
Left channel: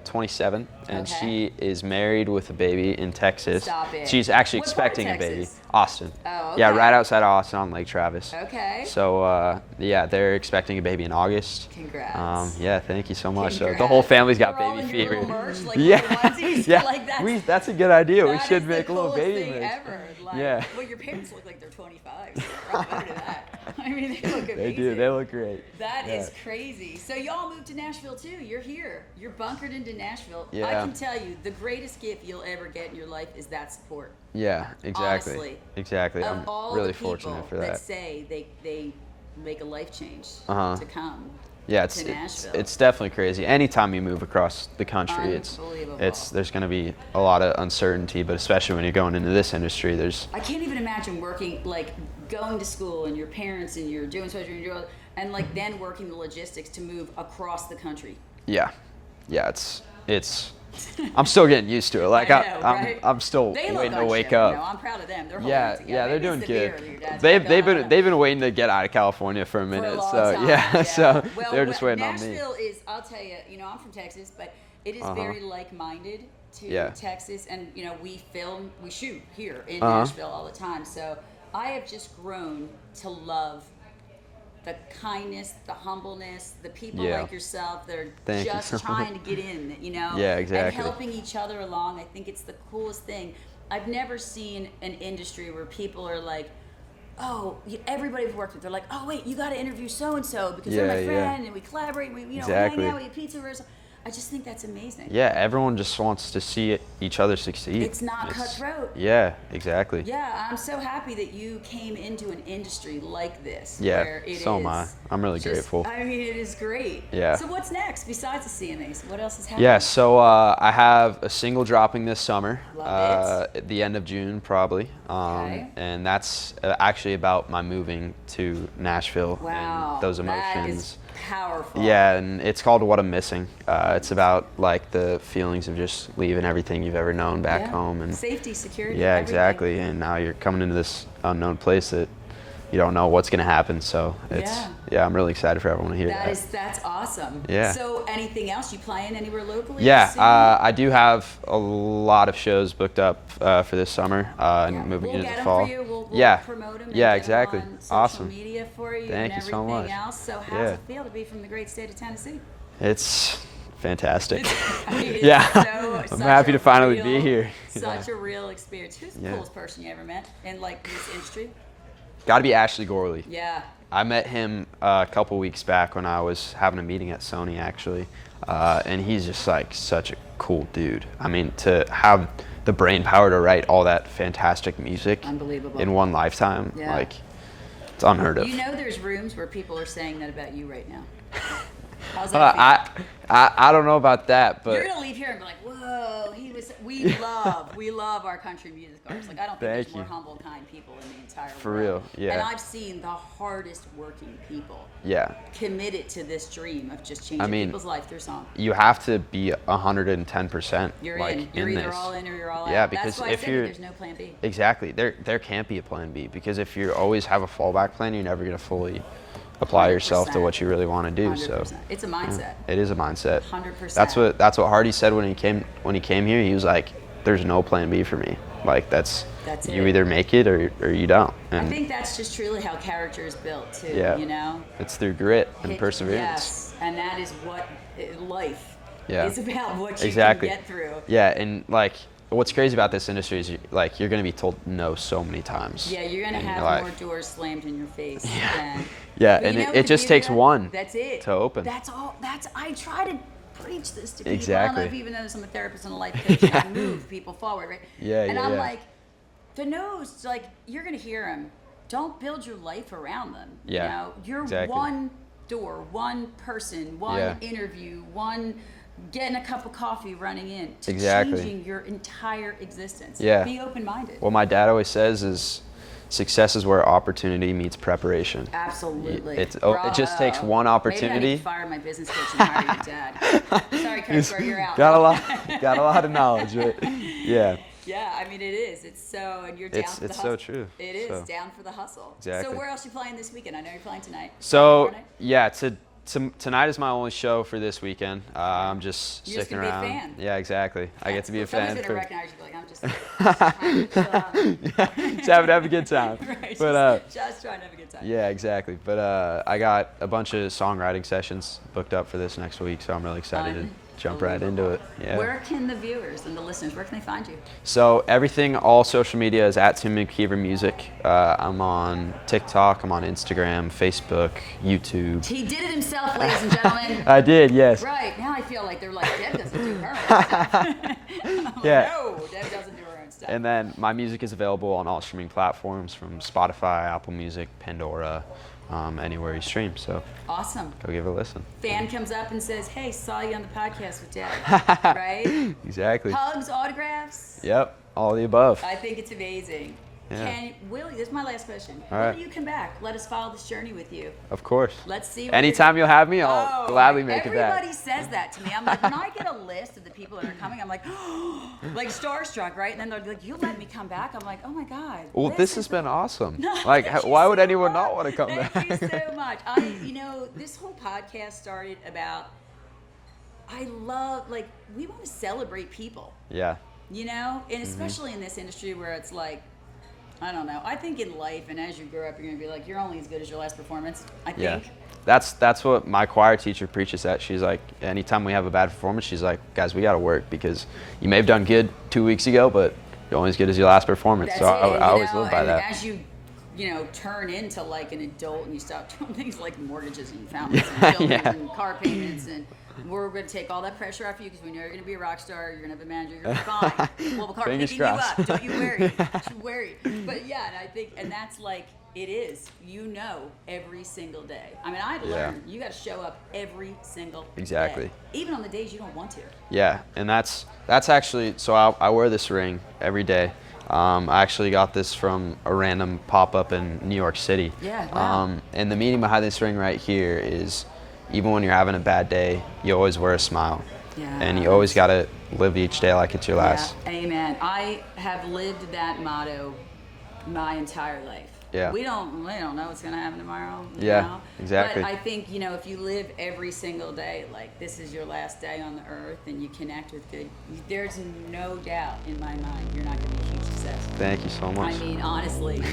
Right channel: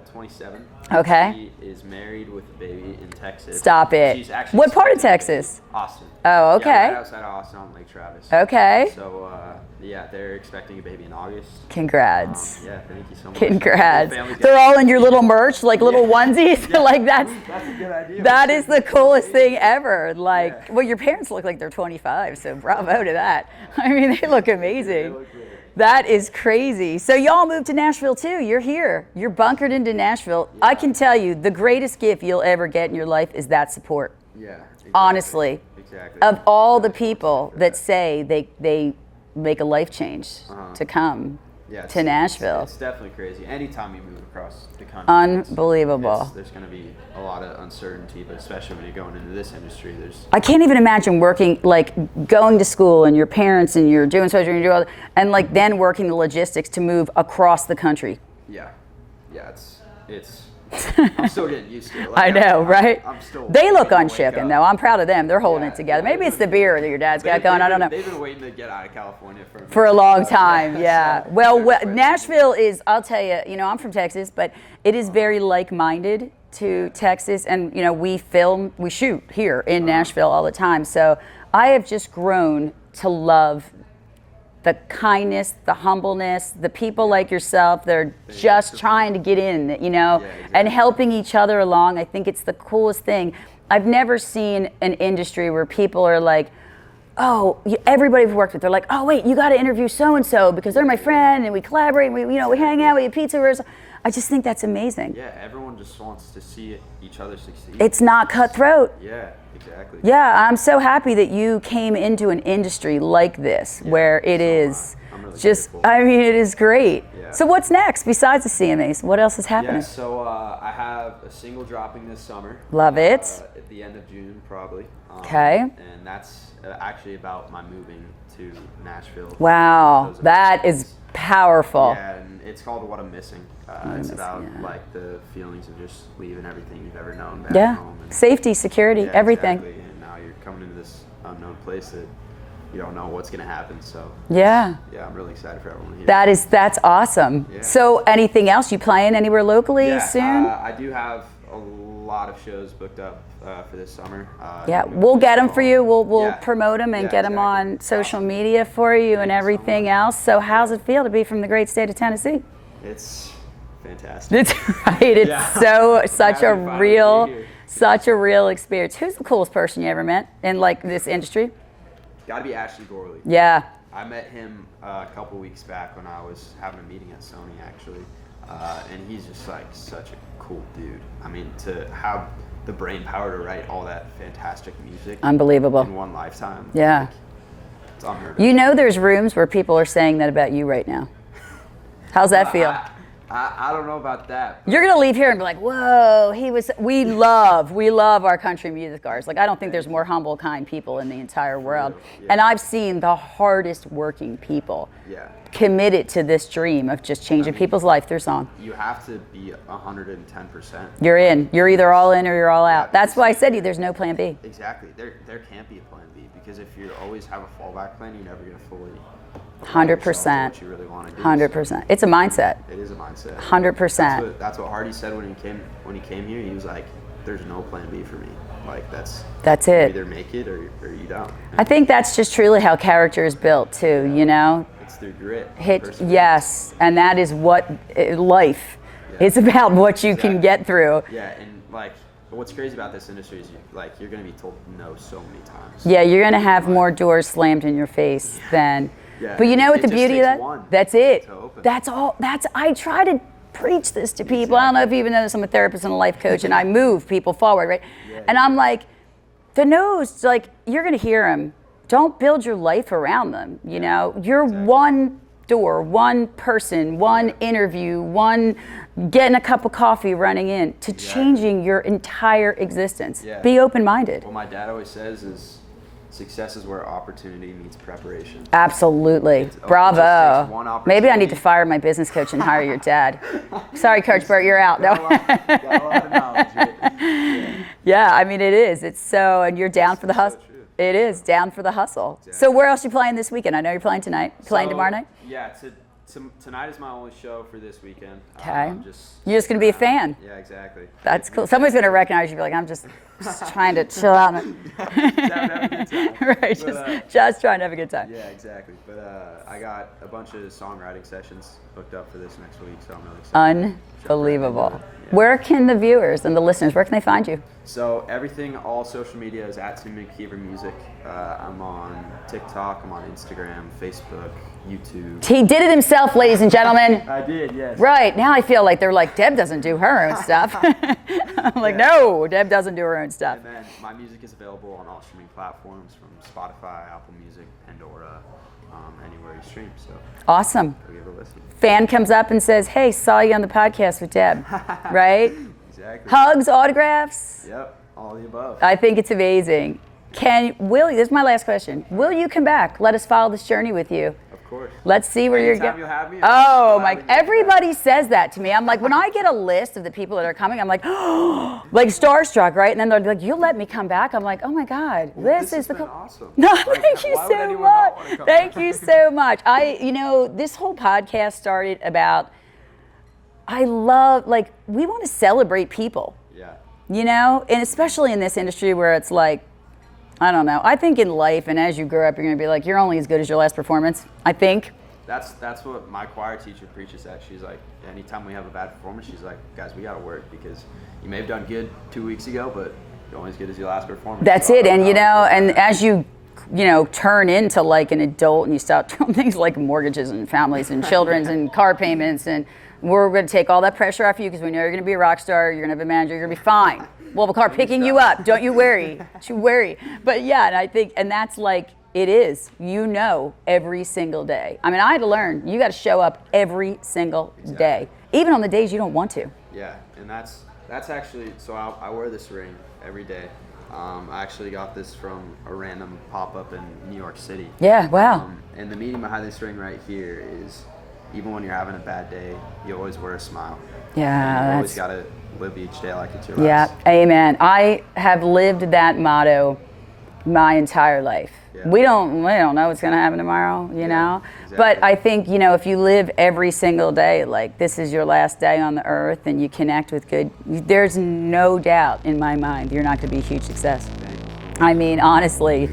27, and Okay. she is married with a baby in Texas. Stop it. She's actually What part of expecting a baby. Texas? Austin. Oh, okay. Yeah, right outside of Austin on Lake Travis. Okay. So yeah, they're expecting a baby in August. Congrats. Yeah, thank you so much. So the Congrats. whole family's got They're all in baby your fever. little merch, like little onesies. Yeah. Like That's a good idea. That We is should the make little coolest baby thing merch. ever. Like, Yeah. well, your parents look like they're 25, so bravo to that. I mean, they look They amazing. do, they look great. That is crazy. So y'all moved to Nashville too. You're here. You're bunkered into Nashville. I Yeah. can tell you, the greatest gift you'll ever get in your life is that support. Yeah, exactly. Honestly. Exactly. Of I'm all really the people fortunate for that say they make a life change to come yeah, to Nashville. It's definitely crazy. Anytime you move across the country, Unbelievable. there's going to be a lot of uncertainty, but especially when you're going into this industry, there's I can't even imagine working, like going to school and your parents and you're doing social and you're doing all, and like then working the logistics to move across the country. yeah, it's I'm still getting used to it. Like, I know, right? I'm still. They look waiting to wake unshaken, up. though. I'm proud of them. They're holding Yeah, it together. yeah, Maybe it's the they're doing beer good. that your dad's got going. I don't know. They've been waiting to get out of California for a minute. For a long so, time, yeah. so well, they're just waiting on me. Nashville is, I'll tell you, I'm from Texas, but it is very like-minded to Texas. And, we shoot here in Nashville all the time. So I have just grown to love the kindness, the humbleness, the people like yourself. They're just trying to get in, Yeah, exactly. and helping each other along. I think it's the coolest thing. I've never seen an industry where people are like, oh, everybody we've worked with, they're like, oh, wait, you got to interview so-and-so because they're my friend and we collaborate and we hang out, we eat pizza. I just think that's amazing. Yeah, everyone just wants to see each other succeed. It's not cutthroat. Yeah, exactly. Yeah, I'm so happy that you came into an industry like this, where it is. I'm really just, grateful. I mean, it is great. Yeah. So what's next besides the CMAs? What else is happening? Yeah, so I have a single dropping this summer. Love it. At the end of June, probably. Okay. And that's actually about my moving to Nashville. Wow, Those that emotions. is powerful. Yeah, and it's called What I'm Missing. It's about like the feelings of just leaving everything you've ever known back home. And safety, security, everything. Exactly. And now you're coming into this unknown place that you don't know what's going to happen. So Yeah, I'm really excited for everyone to hear. that's awesome. Yeah. So anything else? You playing anywhere locally soon? I do have a lot of shows booked up for this summer. We'll get them for you. We'll promote them and get them exactly. on social Awesome. media for you Thank and you so everything much. else. So how's Yeah. it feel to be from the great state of Tennessee? It's fantastic. Right. It's such happy a to finally be real, here. such a real experience. Who's the coolest person you ever met in like this industry? Got to be Ashley Gorley. Yeah. I met him a couple weeks back when I was having a meeting at Sony, actually, and he's just like such a cool dude. I mean, to have the brain power to write all that fantastic music, Unbelievable. in one lifetime, Yeah. like, it's unheard of. There's rooms where people are saying that about you right now. How's that feel? I don't know about that, but You're gonna leave here and be like, whoa, we love our country music artists. Like, I don't think there's more humble, kind people in the entire world. real, yeah. And I've seen the hardest working people committed to this dream of just changing people's life through song. you have to be 110%. You're in. You're either this. all in or you're all Yeah, out. That's because why I if said to you you're- there's no plan B. Exactly. There can't be a plan B, because if you always have a fallback plan, you're never going to fully apply yourself to 100%. what you really want to do. 100%. It's a mindset. It is a mindset. 100%. That's what Hardy said when he came here. He was like, "There's no plan B for me. Like that's it. You either make it or you don't." I think that's just truly how character is built too. Yeah. It's through grit and perseverance. Yes, and that is what life is about. What you can get through. Yeah, and like what's crazy about this industry is you're going to be told no so many times. Yeah, you're going to have life. more doors slammed in your face than. Yeah, but you and know what it the just beauty takes of that? one That's it. to open. That's all. I try to preach this to people. I don't know if you even know this. I'm a therapist and a life coach, and I move people forward, right? Yeah, and I'm like, the no's, like, you're going to hear them. Don't build your life around them. You know, you're one door, one person, one interview, one getting a cup of coffee running in to changing your entire existence. Yeah. Be open-minded. What my dad always says is, success is where opportunity meets preparation. Bravo. It just takes one opportunity. Maybe I need to fire my business coach and hire your dad. Sorry, Coach Bert, you're out. Got a lot of knowledge. Right? Yeah. Yeah, I mean, it is. It's so, and you're down for the hustle. It's so true. It is, down for the hustle. Exactly. So where else are you playing this weekend? I know you're playing tonight. Playing tomorrow night? Yeah, tonight is my only show for this weekend. I'm just You're just going to be a fan. Yeah, exactly. That's cool. Somebody's going to recognize you and be like, I'm just trying to chill out. Just have a good time. Right, just trying to have a good time. Yeah, exactly. But I got a bunch of songwriting sessions booked up for this next week, so I'm really excited. Unbelievable. Yeah. Where can the viewers and the listeners, where can they find you? So everything, all social media is at Timmy McKeever Music. I'm on TikTok, I'm on Instagram, Facebook, YouTube. He did it himself, ladies and gentlemen. I did, yes. Right, now I feel like they're like, Deb doesn't do her own stuff. I'm like, no, Deb doesn't do her own stuff. And then my music is available on all streaming platforms from Spotify, Apple Music, Pandora, anywhere you stream. So awesome. Go give it a listen. Fan comes up and says, hey, saw you on the podcast with Deb, right? Exactly. Hugs, autographs. Yep, all the above. I think it's amazing. This is my last question. Will you come back? Let us follow this journey with you. Of course. Let's see where Anytime you'll have me, I'll gladly make it back. Everybody says that to me. I'm like, when I get a list of the people that are coming, I'm like, oh, like starstruck, right? And then they're like, you'll let me come back? I'm like, oh my God. Well, this has been awesome. No, like, why would anyone not want to come back? back? Thank you so much. This whole podcast started about, we want to celebrate people. Yeah. And especially in this industry where it's like, I don't know. I think in life, and as you grow up, you're going to be like, you're only as good as your last performance, I think. Yeah. That's what my choir teacher preaches at. She's like, anytime we have a bad performance, she's like, guys, we got to work because you may have done good 2 weeks ago, but you're only as good as your last performance. That's it. As you turn into like an adult and you stop doing things like mortgages and families and children's and car payments, and we're going to take all that pressure off you because we know you're going to be a rock star, you're going to have a manager, you're going to be fine. We'll have a car picking you up. Don't you worry. Don't you worry. But yeah, and I think, and that's like, it is, every single day. I mean, I had to learn, you got to show up every single day, even on the days you don't want to. Yeah, and that's actually, so I wear this ring every day. I actually got this from a random pop-up in New York City. Yeah, wow. And the meaning behind this ring right here is, even when you're having a bad day, you always wear a smile. Yeah. And you always got to live each day like it's your last. Yeah, amen. I have lived that motto my entire life. Yeah. We don't know what's going to happen tomorrow, you know? Exactly. But I think, if you live every single day, like this is your last day on the earth and you connect with good, there's no doubt in my mind you're not going to be a huge success. Thank you so much. I mean, honestly.